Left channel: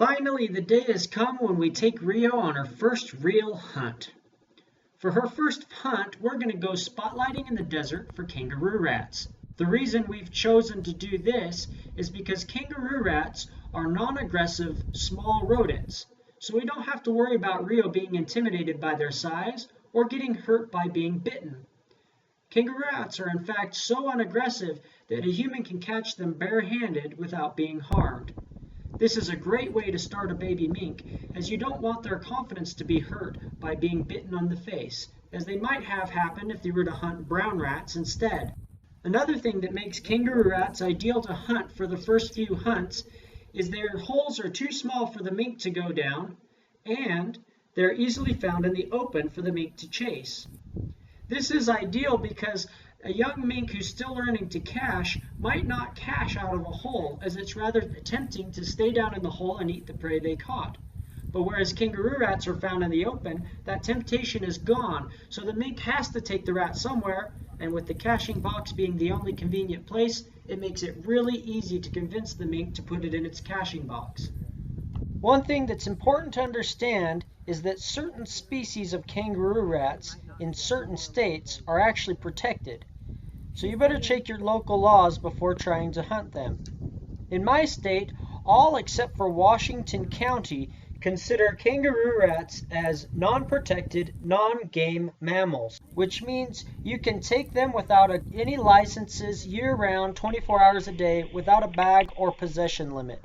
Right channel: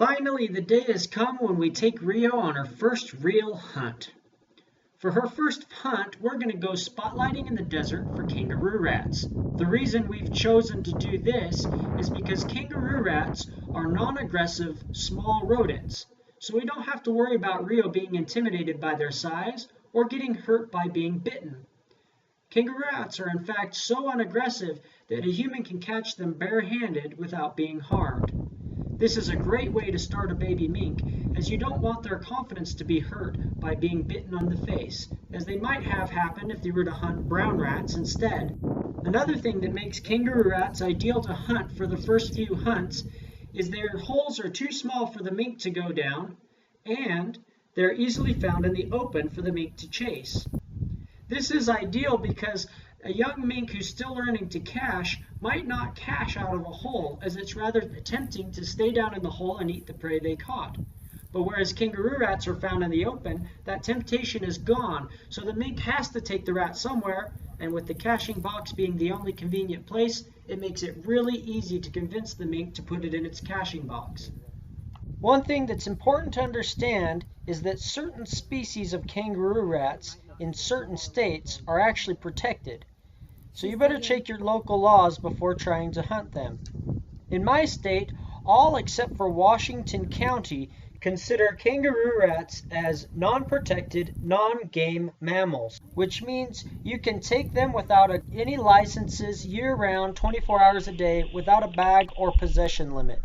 Finally, the day has come when we take Rio on her first real hunt. For her first hunt, we're going to go spotlighting in the desert for kangaroo rats. The reason we've chosen to do this is because kangaroo rats are non-aggressive, small rodents, so we don't have to worry about Rio being intimidated by their size or getting hurt by being bitten. Kangaroo rats are in fact so unaggressive that a human can catch them barehanded without being harmed. This is a great way to start a baby mink, as you don't want their confidence to be hurt by being bitten on the face, as they might have happened if they were to hunt brown rats instead. Another thing that makes kangaroo rats ideal to hunt for the first few hunts is their holes are too small for the mink to go down, and they're easily found in the open for the mink to chase. This is ideal because a young mink who's still learning to cache might not cache out of a hole, as it's rather tempting to stay down in the hole and eat the prey they caught. But whereas kangaroo rats are found in the open, that temptation is gone, so the mink has to take the rat somewhere, and with the caching box being the only convenient place, it makes it really easy to convince the mink to put it in its caching box. One thing that's important to understand is that certain species of kangaroo rats in certain states are actually protected. So you better check your local laws before trying to hunt them. In my state, all except for Washington County consider kangaroo rats as non-protected, non-game mammals, which means you can take them without any licenses year-round, 24 hours a day, without a bag or possession limit.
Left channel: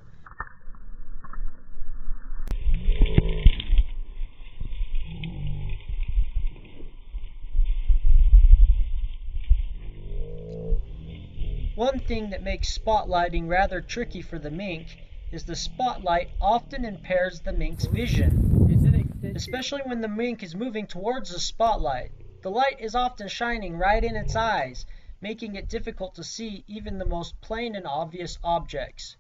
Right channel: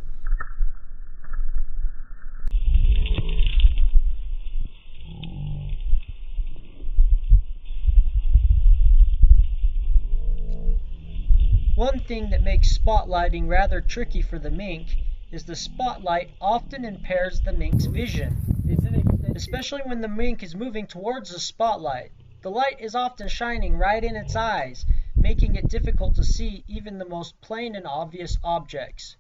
One thing that makes spotlighting rather tricky for the mink is the spotlight often impairs the mink's vision, especially when the mink is moving towards the spotlight. The light is often shining right in its eyes, making it difficult to see even the most plain and obvious objects.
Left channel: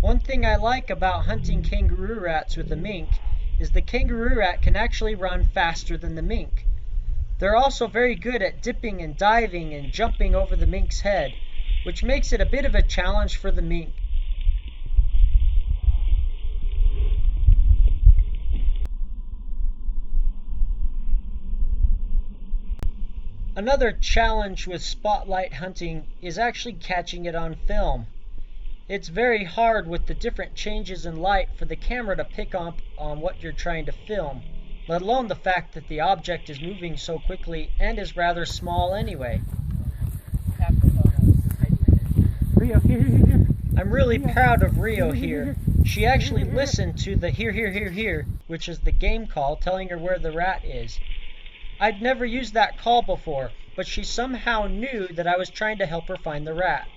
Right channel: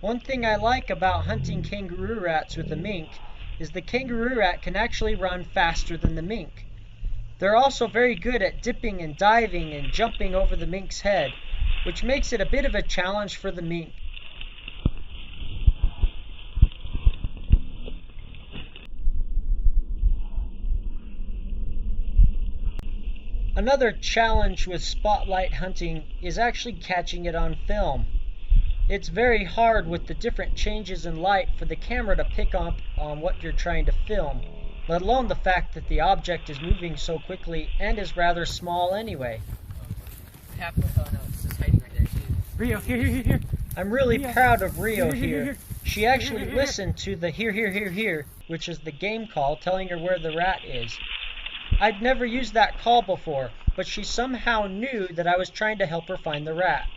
One thing I like about hunting kangaroo rats with a mink is the kangaroo rat can actually run faster than the mink. They're also very good at dipping and diving and jumping over the mink's head, which makes it a bit of a challenge for the mink. Another challenge with spotlight hunting is actually catching it on film. It's very hard with the different changes in light for the camera to pick up on what you're trying to film, let alone the fact that the object is moving so quickly and is rather small anyway. Rio, here. I'm really proud of Rio here. She actually listened to the here, which is the game call telling her where the rat is. I'd never used that call before, but she somehow knew that I was trying to help her find the rat.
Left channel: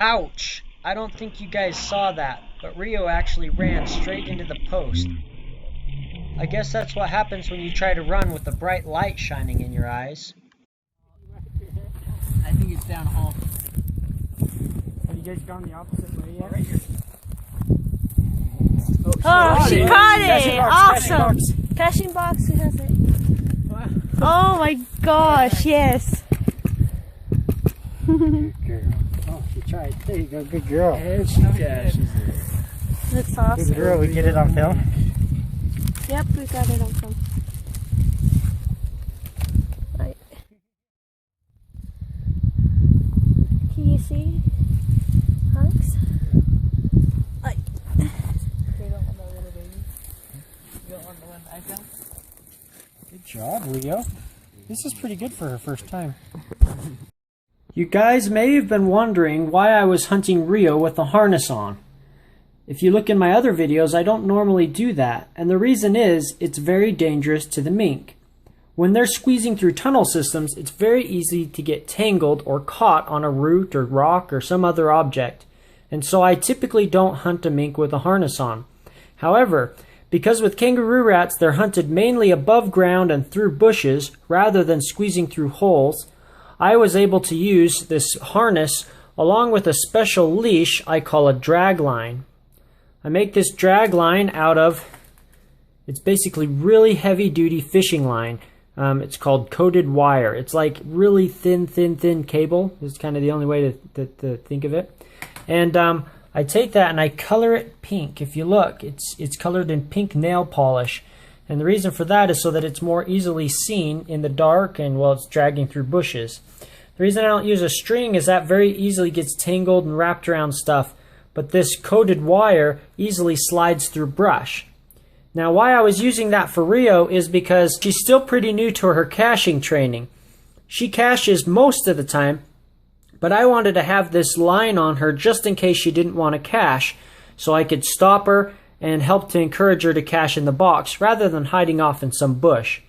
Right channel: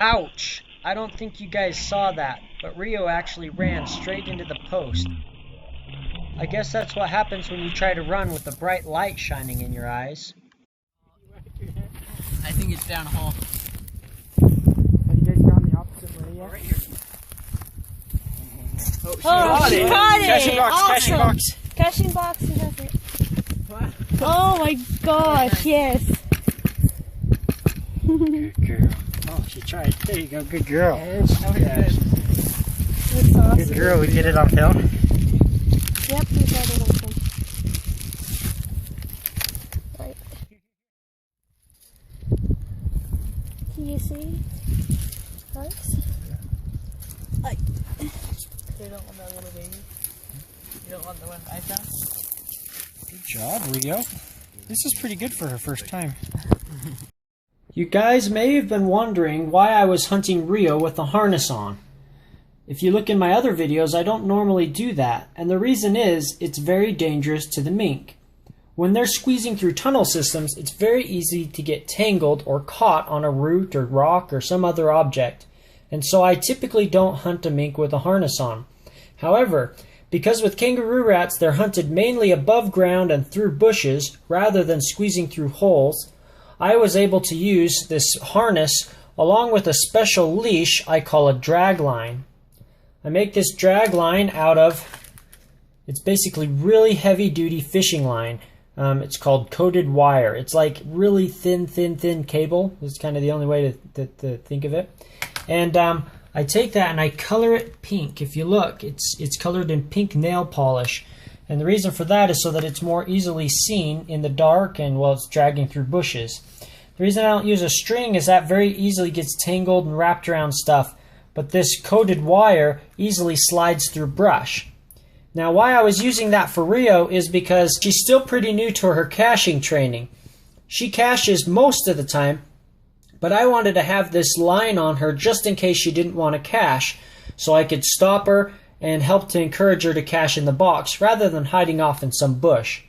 Ouch! I don't think you guys saw that, but Rio actually ran straight into the post. I guess that's what happens when you try to run with a bright light shining in your eyes. I think it's down a hole. Have you guys gone the opposite way yet? Right here. Oh, she caught it! Caching Awesome! box. Caching box, she has it. Wow. Oh my gosh, yes. Good girl. Oh, she tried. There you go. Good girl. Yeah, That's awesome. Good girl. We get it on film. Yep, we got it on film. Right. Can you see? Alex? Like. They don't want that little baby. You don't want the one I found? Good job, Rio. This is pretty good for her first time. You guys may have been wondering why I was hunting Rio with a harness on. If you look in my other videos, I don't normally do that, and the reason is it's very dangerous to the mink. When they're squeezing through tunnel systems, it's very easy to get tangled or caught on a root or rock or some other object, and so I typically don't hunt a mink with a harness on. However, because with kangaroo rats they're hunted mainly above ground and through bushes rather than squeezing through holes, I was able to use this harness along with a special leash I call a drag line. I make this drag line out of, it's basically really heavy duty fishing line. It's called coated wire. It's like really thin cable. It's kind of the only way to think of it. And I take that and I color it pink. If you look, it's colored in pink nail polish. And the reason for that is so that it's more easily seen in the dark and while it's dragging through bushes. The reason I don't use a string is that very easily gets tangled and wrapped around stuff, but this coated wire easily slides through brush. Now why I was using that for Rio is because she's still pretty new to her caching training. She caches most of the time, but I wanted to have this line on her just in case she didn't want to cache, so I could stop her and help to encourage her to cache in the box rather than hiding off in some bush.